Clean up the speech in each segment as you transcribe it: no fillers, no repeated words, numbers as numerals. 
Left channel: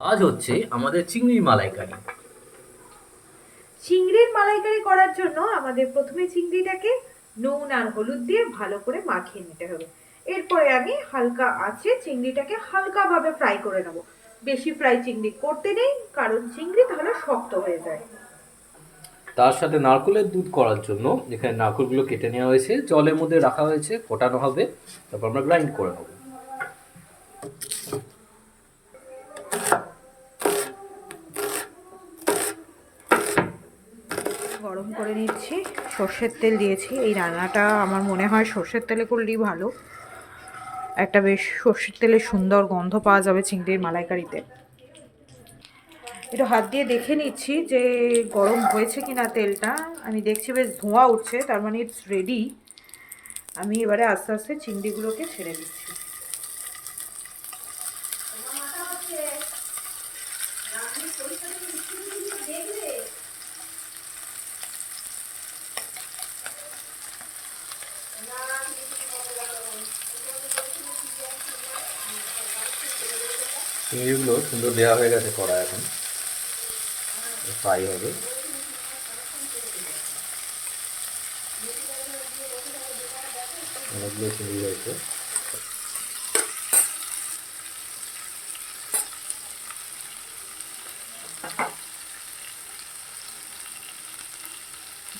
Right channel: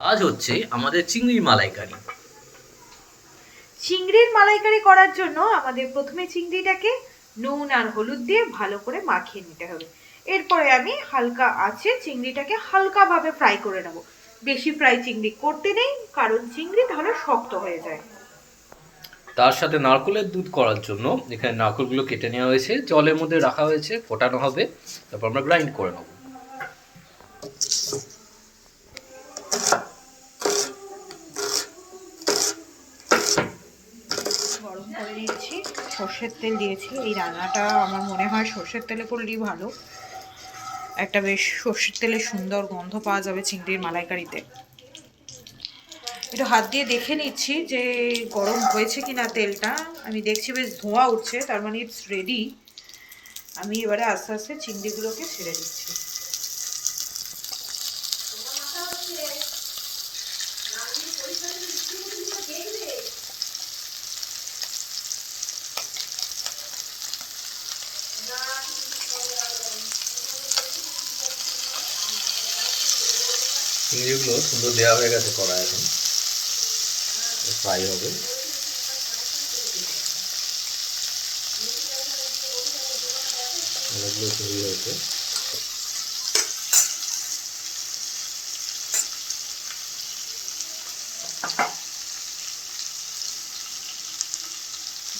আজ হচ্ছে আমাদের চিংড়ির মালাইকারি। চিংড়ির মালাইকারি করার জন্য আমাদের প্রথমে চিংড়িটাকে নুন আর হলুদ দিয়ে ভালো করে মাখিয়ে নিতে হবে। এরপরে আমি হালকা আঁচে চিংড়িটাকে হালকাভাবে ফ্রাই করে নেব। বেশি ফ্রাই চিংড়ি করতে নেই, কারণ চিংড়ি তাহলে শক্ত হয়ে যায়। তার সাথে নারকেলের দুধ করার জন্য এখানে নারকেলগুলো কেটে নেওয়া হয়েছে, জলের মধ্যে রাখা হয়েছে, ফোটানো হবে, তারপর আমরা গ্রাইন্ড করে নেব। গরম করে নিচ্ছি, সর্ষের তেল দিয়েছি। এই রান্নাটা আমার মনে হয় সর্ষের তেলে করলেই ভালো। একটা বেশ সর্ষের তেলের সুন্দর গন্ধ পাওয়া যাবে চিংড়ির মালাইকারিতে। একটু হাত দিয়ে দেখে নিচ্ছি যে গরম হয়েছে কিনা তেলটা। আমি দেখছি বেশ ধোঁয়া উঠছে, তার মানে ইটস রেডি। আমি এবারে আস্তে আস্তে চিংড়িগুলোকে ছেড়ে দিচ্ছি। চিংড়িগুলো সুন্দর দেওয়া হয়ে গেছে, কড়া এখন ফ্রাই হবে। অনেকগুলো চিংড়ি হয়েছে।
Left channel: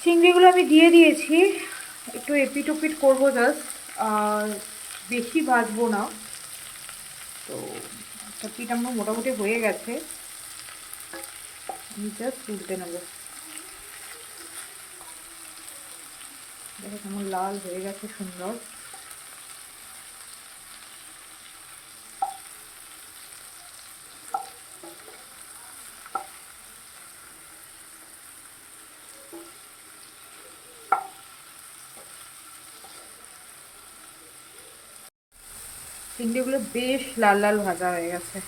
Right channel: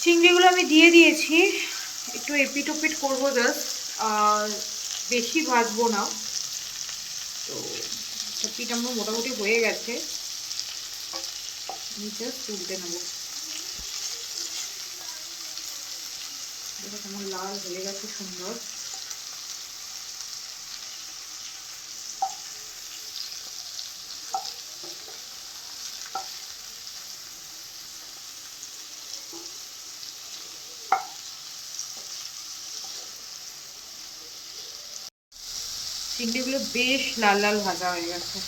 চিংড়িগুলো আমি দিয়ে দিয়েছি, একটু এপিট ওপিট করবো জাস্ট, আর বেশি ভাজবো না। তো পিঠ আমার মোটামুটি হয়ে গেছে, আমি জাস্ট তুলতে নেবো। দেখো কেমন লাল হয়ে গেছে, সুন্দর। চিংড়িগুলো বেশ লাল লাল ভাজা হয়ে গেছে,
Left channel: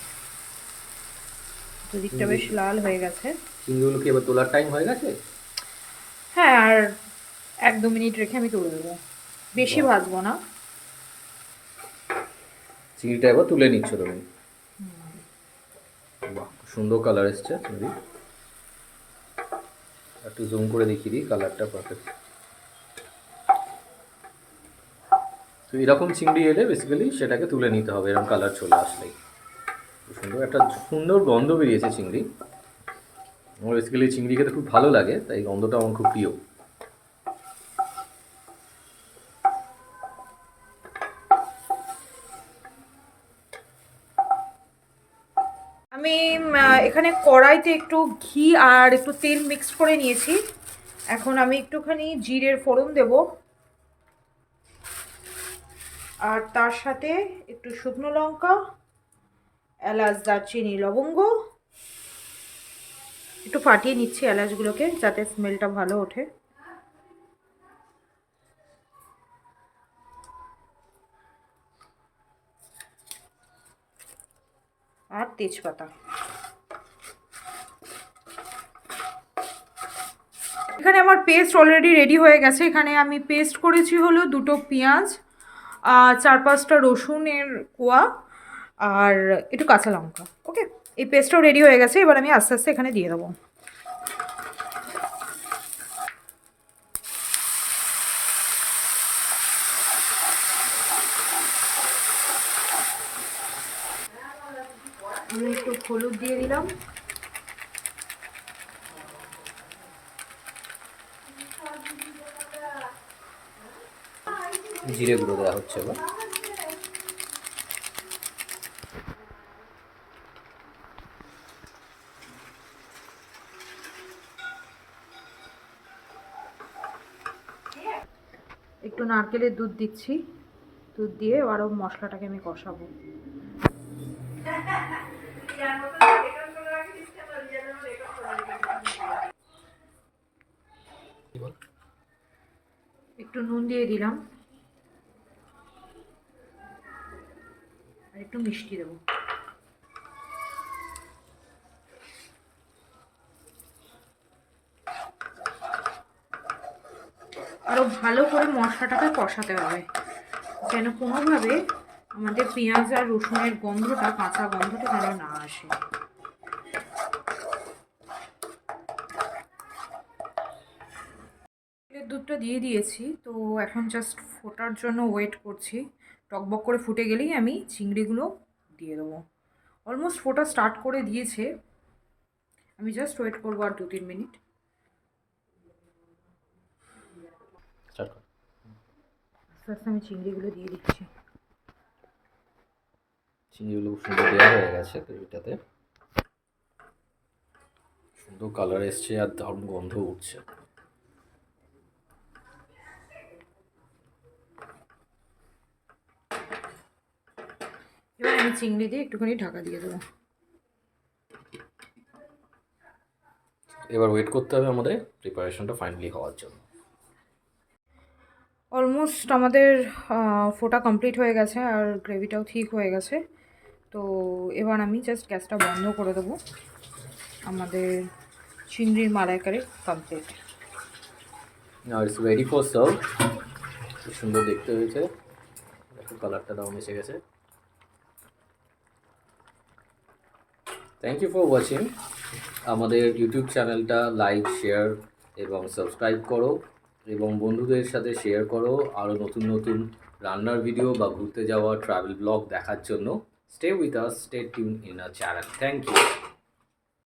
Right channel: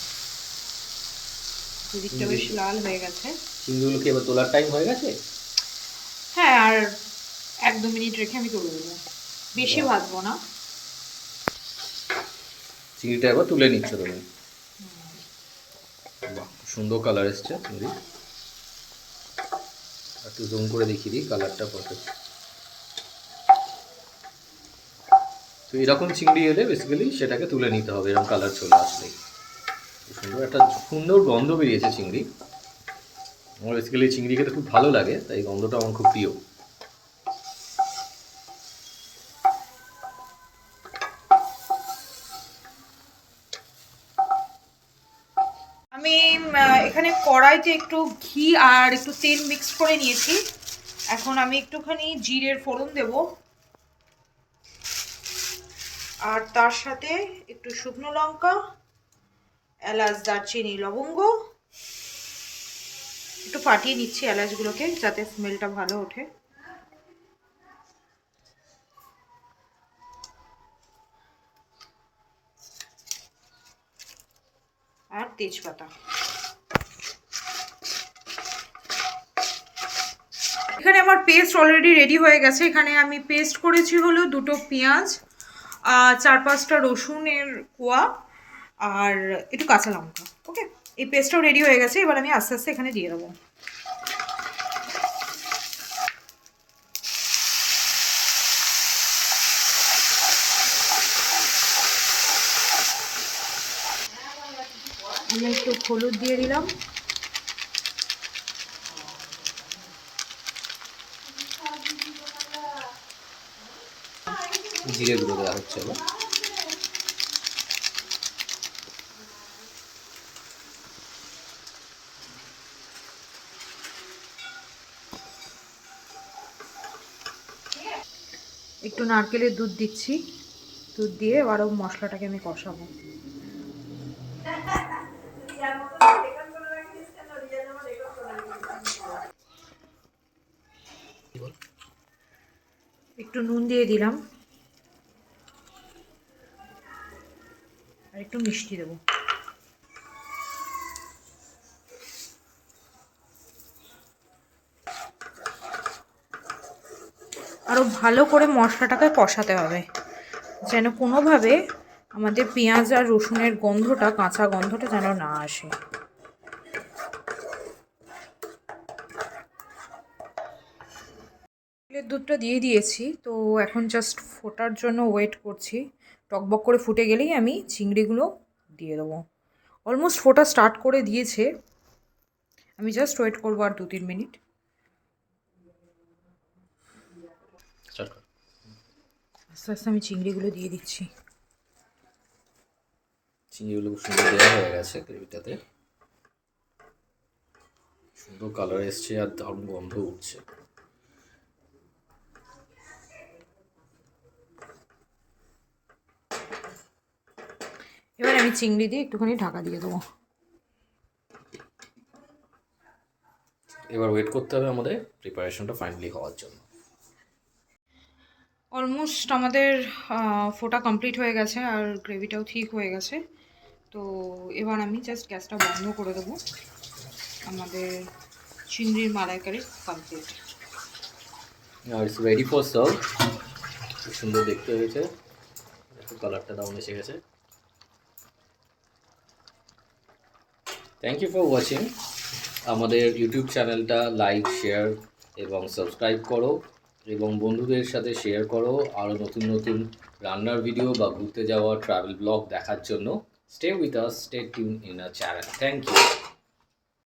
দিকটা বেশ লাল হয়ে গেছে। চিংড়িগুলো কি এবার তোলার টাইম হয়ে গেছে? হ্যাঁ, আর 1-2 মিনিট রেখে আমি তুলে দেবো, বেশি ভাজবো না। চিংড়িটা এবার তুলে নিচ্ছ তুমি? বাহ, সুন্দর কালার এসছে চিংড়ি। একটু জুম করে দেখিয়ে দিই, কালারটা পারফেক্ট। তো এরকম চিংড়ি এলে বেসিক্যালি সেটাকে তুলে নিতে হবে, এরকম কালার চলে আসলেই। সুন্দর একটা সুন্দর গন্ধ বেরিয়েছে চিংড়ি। আমার বেসিক্যালি চিংড়ি খেতে খুব ভালো লাগে, তাই গন্ধটা আমার খুব প্রিয়। আমি এখানে কড়াইতে একটু ঘি আর একটু তেল মিক্স করে নিয়েছি। এখন আমি একটুখানি জিরের ফোড়ন দেব, আর তার সাথে একটু শুকনো লঙ্কা, এলাচ, দারচিনি, লবঙ্গ। একটু ফাটিয়ে নিচ্ছি এলাচগুলোকে যাতে স্মেলটা ভালো ওঠে। আর তেজপাতা। এখানে আমার পেস্ট অলরেডি রেডি হয়ে গেছে। এখানে আমি পেস্ট করেছি হলো 2টো পেঁয়াজ, 4-5টা রসুনের কোয়া, আর একটু কাঁচা লঙ্কা। ওকে, এই পেস্টটাও রেডি হয়ে গেছে। এবার আমি আস্তে আস্তে এখানে দিয়ে দেবো। আমি একটু হলুদ দিয়ে দিলাম, জিরে গুঁড়ো দেওয়া হচ্ছে এবার। একটু নারকেলের দুধ দিচ্ছি। দুধ দিয়ে আরও মশলাটাকে আমি কষাবো। একটু নুন দিয়ে দিলাম, আর একটু মিষ্টি দেবো। আরও ভালো করে মশলাটাকে কষাতে হবে, যেন কোনোভাবে আমাদের পেঁয়াজ আর রসুনের গন্ধটা, কাঁচা গন্ধটা যেন না আসে। দুধের দুধটা দিয়ে দিয়েছি, তো এখন জাস্ট ফোটার জন্য ওয়েট করছি। টকবক করে ফুটে গেলেই আমি চিংড়িগুলো দিয়ে দেবো। অলমোস্ট ফোটা স্টার্ট করে দিয়েছে, আমি জাস্ট ওয়েট করবো আর 2-3 মিনিট। স্টার্ট কর। আস্তে আস্তে আমি চিংড়িগুলো দিয়ে দিচ্ছি। চিংড়িগুলো খুব সুন্দর দেওয়া হয়ে গেছে গ্রেভিটাতে, সুন্দর কালার এসছে আর দারুণ গন্ধ উঠছে। এবার আমি চিংড়ি দিয়ে একটুখানি ঢাকা দিয়ে দেবো। এবার ওয়েট করতে হবে আমাদের প্রিপারেশনটা ফাইনালি হওয়ার জন্য। অলমোস্ট আমাদের ফোটা কমপ্লিট হয়ে গেছে আর গ্রেভিটাও ঠিক হয়ে গেছে। তো এবার আমি জাস্ট গ্যাসটা বন্ধ করে দেবো। আমাদের চিংড়ির মালাইকারি কমপ্লিট। আর ইটস রেডি ফর সার্ভ। খুব সুন্দর দেখতে হয়েছে, দেখো কালারটা দারুণ এসে গেছে। Thank you for watching. আমাদের ইউটিউব চ্যানেলটা লাইক, শেয়ার এবং সাবস্ক্রাইব করো এবং বন্ধুদের সাথে শেয়ার করো আরও নতুন নতুন রান্নার ভিডিও বা ঘুরতে যাওয়া ট্রাভেল ব্লগ দেখার জন্য। Stay with us, stay tune in our channel. Thank you.